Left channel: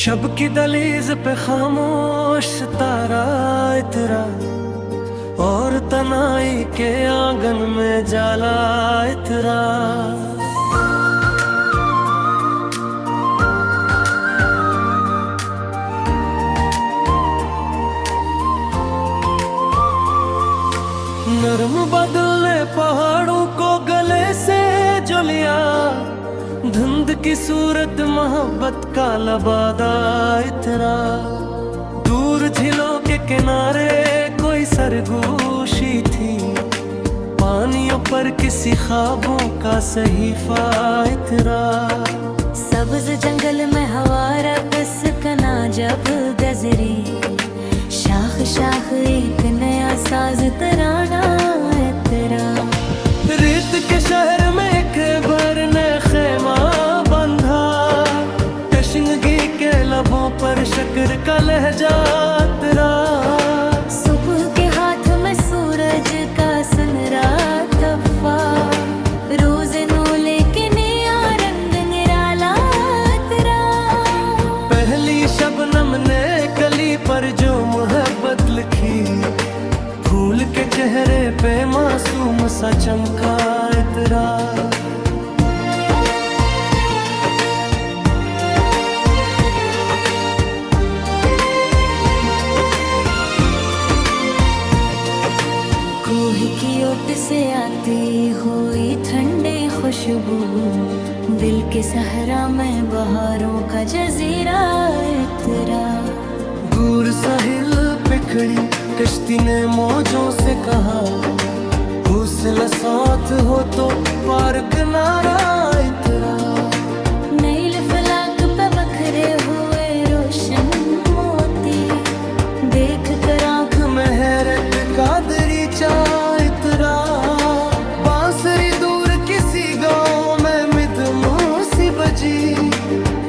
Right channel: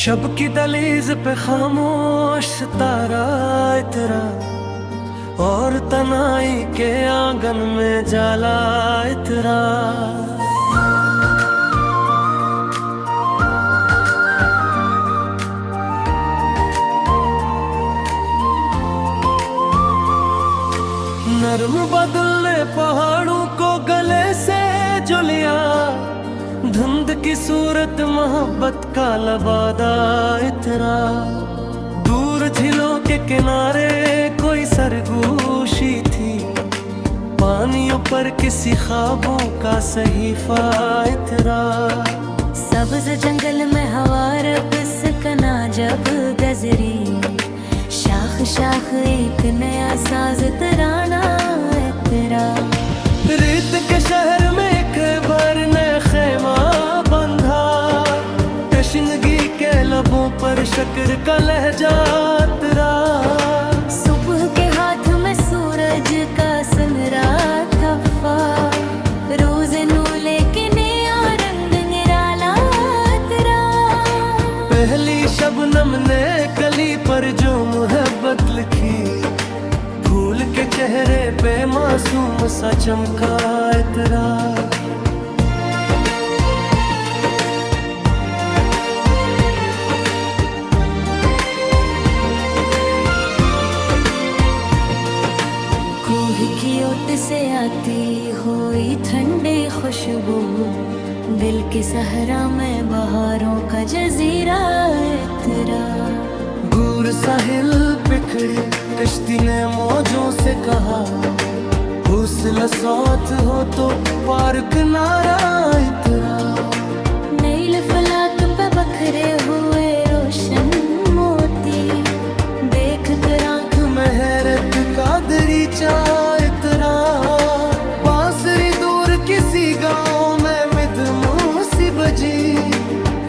शब की दलीज पे खामोश सितारा इतरा, और तनाई के आंगन में जाला इतरा। नरम बादल ने पहाड़ों को गले से जो लिया, धुंध की सूरत मोहब्बत का लबादा इतरा। दूर झीलों के किनारे कोई सरगोशी थी, पानियों पर किसी ख्वाबों का सहीफा इतरा। सब्ज जंगल में हवा रक़्स कना जब गजरी, शाख शाख एक नया साज तराना इतरा। रेत के शहर में एक बार ने खेमा बंधा, तशनगी के लबों पर शक्र का लहजा तेरा। सुबह के हाथ में सूरज का सनरा तफा, रोज नू लेके नया रंग निराला तेरा। पहली शबनम ने कली पर जो मोहब्बत लिखी, फूल के चेहरे पे मासूम सा चमका इतरा। कोह की ओट से आती हुई ठंडी खुशबू, दिल के सहरा में बहारों का जजीरा इतरा। दूर साहिल पे खड़ी कश्ती ने मौजों से कहा, हौसला साथ हो तो पार किनारा इतरा। नील फलक पे बखरे हुए रोशन मोती, देख कर आँख में हैरत का दरीचा इतरा। बांसुरी दूर किसी गांव में मिदमू सी बजी,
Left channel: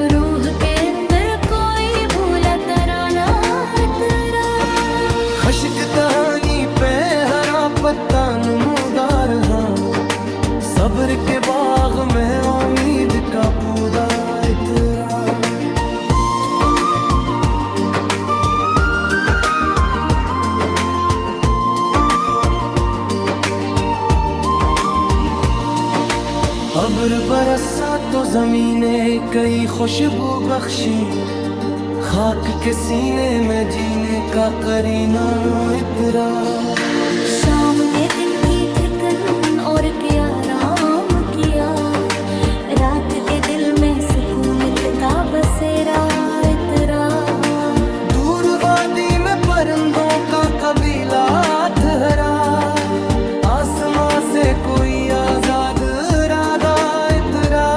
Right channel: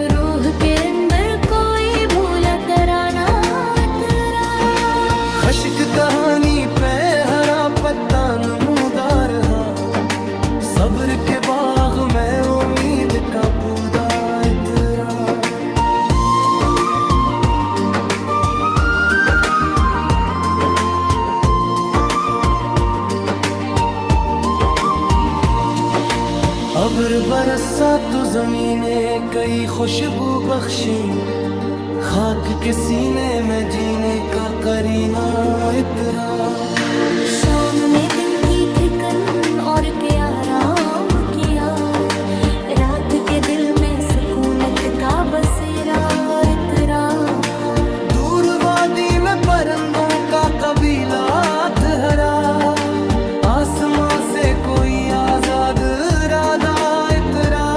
रूह के अंदर कोई भूला तराना तेरा। खश्क कहानी पे हरा पत्ता नमूदार हा, सब्र के बाग में उम्मीद का पौधा इतरा। अब्र बरसा तो जमीने कई खुशबू बख्शी, खाक के सीने में जीने का करीना इतरा। शाम ने दिन की थिकन और के आराम किया, रात के दिल में सुकूनत का बसेरा इतरा। दूर वादी में परिंदों का कबीला ठहरा, आसमां से कोई आजाद इरादा इतरा।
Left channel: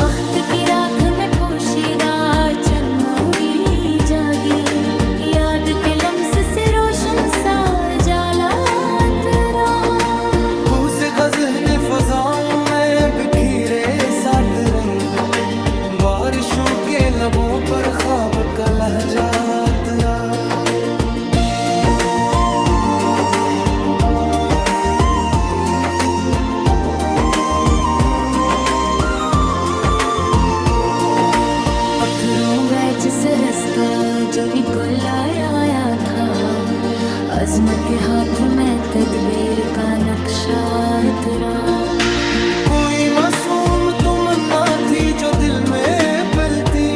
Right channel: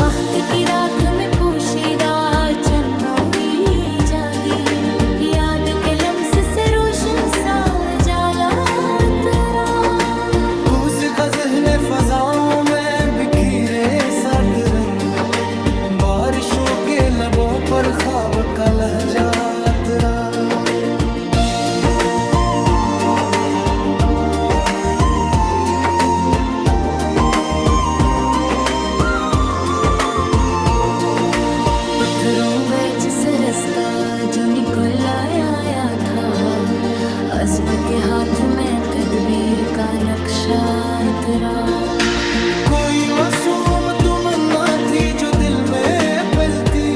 वक्त की राख में पोशीदा चन्नौरी जागी, याद के लम्स से रोशन सा जाला तेरा। फूस गज़ह फजाओं में बिखरे सात रंग, बारिशों के लबों पर ख्वाब का लहजा तेरा। पत्थरों बैच से रास्ता जो निकल आया था, अज़्म के हाथ में तदबीर का नक्शा तेरा। कोई मासूम तमन्ना थी जो दिल में पलती,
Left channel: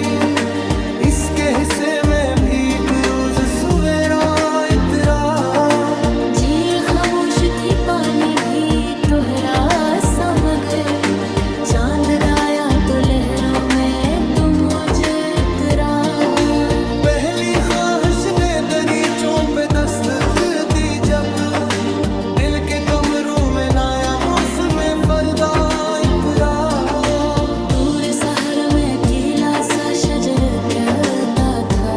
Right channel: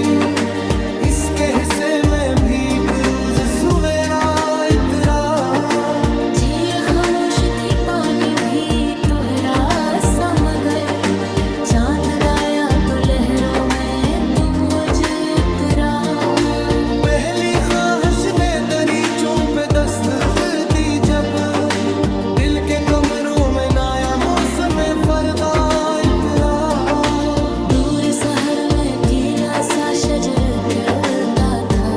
इसके हिस्से में भी एक रोज सवेरा इतरा। झील खामोश थी पानी भी तोहरा सा, मगर चांद गाया तो लहरों में पहली ख्वाहिश ने दरीचों पे दस्तक दी, जब दिल के कमरों में नया मौसम फरदा इतरा। दूर शहर में कीला सा शजर कहता था,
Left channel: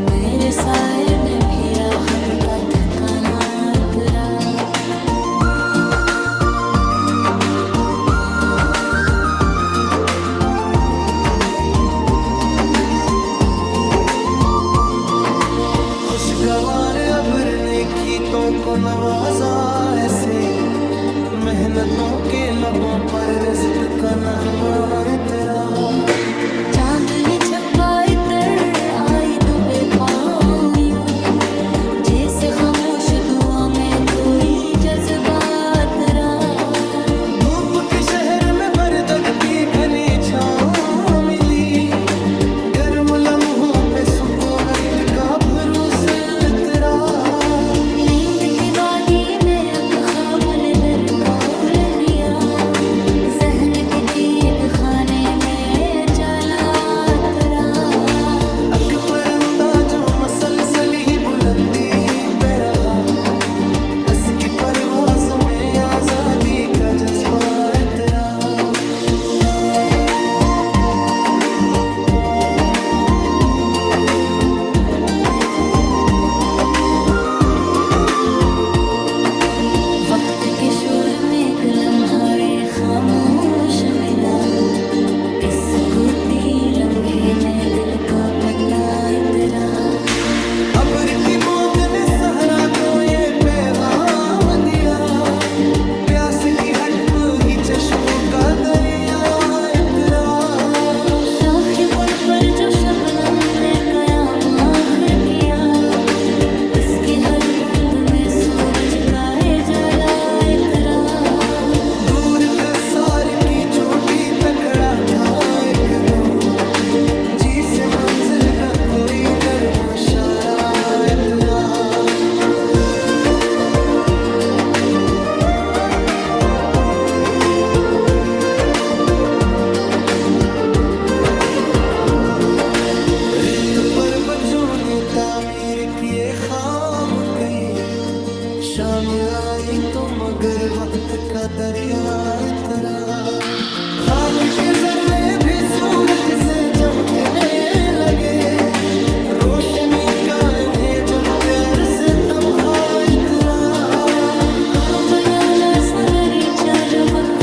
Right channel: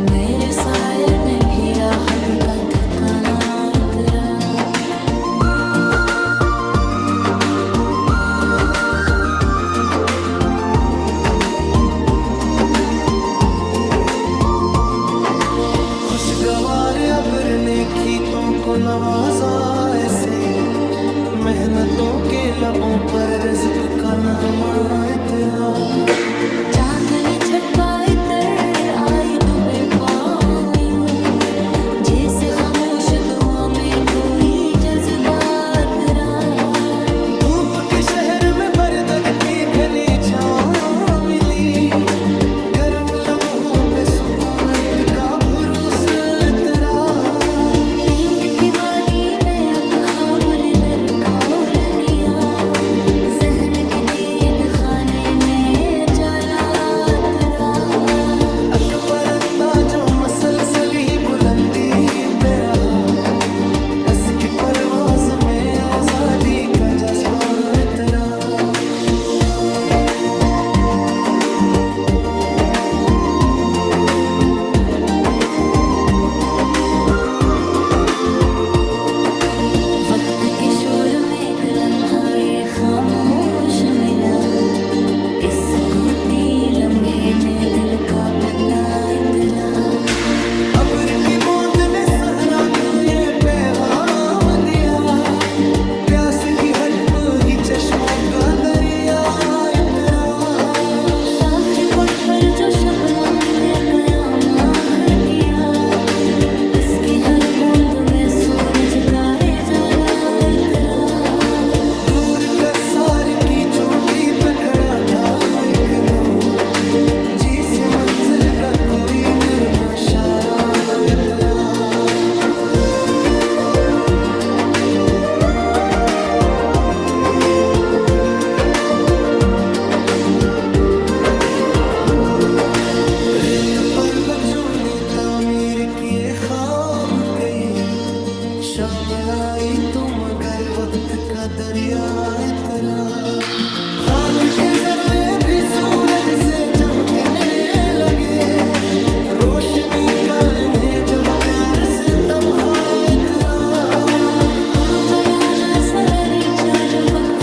मेरे साए में भी राहत का ठिकाना इतरा। खुशगवार अब्र ने खीतों को नवाजा ऐसे, मेहनतों के लबों पर रिज़्क़ का नगमा इतरा। चांदनी छटपाई तर आई डूबे पाँव यूं, जैसे खामोश दुआ में कोई जज्बात रहा। धूप के शहर में बरगद की घनी छाँव मिली, गर्म लम्हों पे सुकूनत का भरोस इतरा। नींद की वादी में अक ख्वाब ने दर का उल दिया, जहन के कैद खाने में जलात रहा। अक परंदा जो मसलसल ही बुलंदी पे रहा, इसकी परवाज में आजादी का जज्बा इतरा। वक्त के शोर में एक लम्हा खामोश मिला, इस कूती लम्हे में दिल का पता इतरा। अब्र की बूंद ने सहरा को ये पैगाम दिया, प्यास की हट ही चश्मों का दरिया इतरा। शाखे पुल पर जो शबनम ने कयाम आखिर किया, इसकी हर बूंद में सूरज का जला इतरा। दूर कसार की चोटी पे खड़ा था एक नूर, जी से मंजिल का कोई नर्म इशारा इतरा। रेत पर बच्चों ने तामीर किए ख्वाब कई, शाम आई तो मगर वक्त का दरिया इतरा। खाक के जर्रे भी सूरज से चमकने लगे, रोशनी का इन्हें जब प्यार से तमखा इतरा। पयाना सगरी जो बक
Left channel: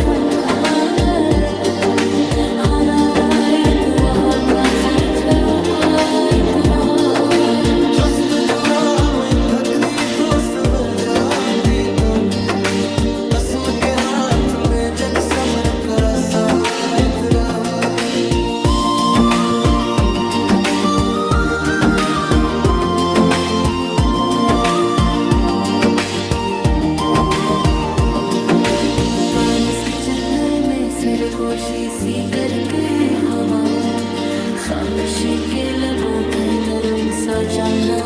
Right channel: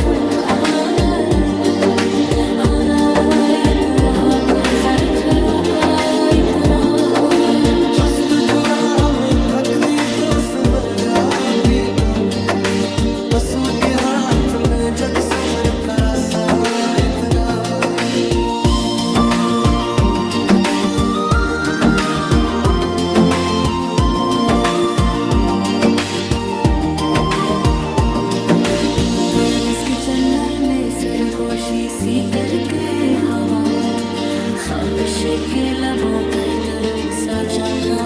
हराई तो वहाँ का जर छरों का इतरा। चुस्त जुरा में थक दी तो सबर जाती, तो कसम के हाथ में जग सब्र करा सा इतरा। बानिस के चन्नर में सरगोशी सी करके हवा, खामोशी के लबों के नरम सा जमला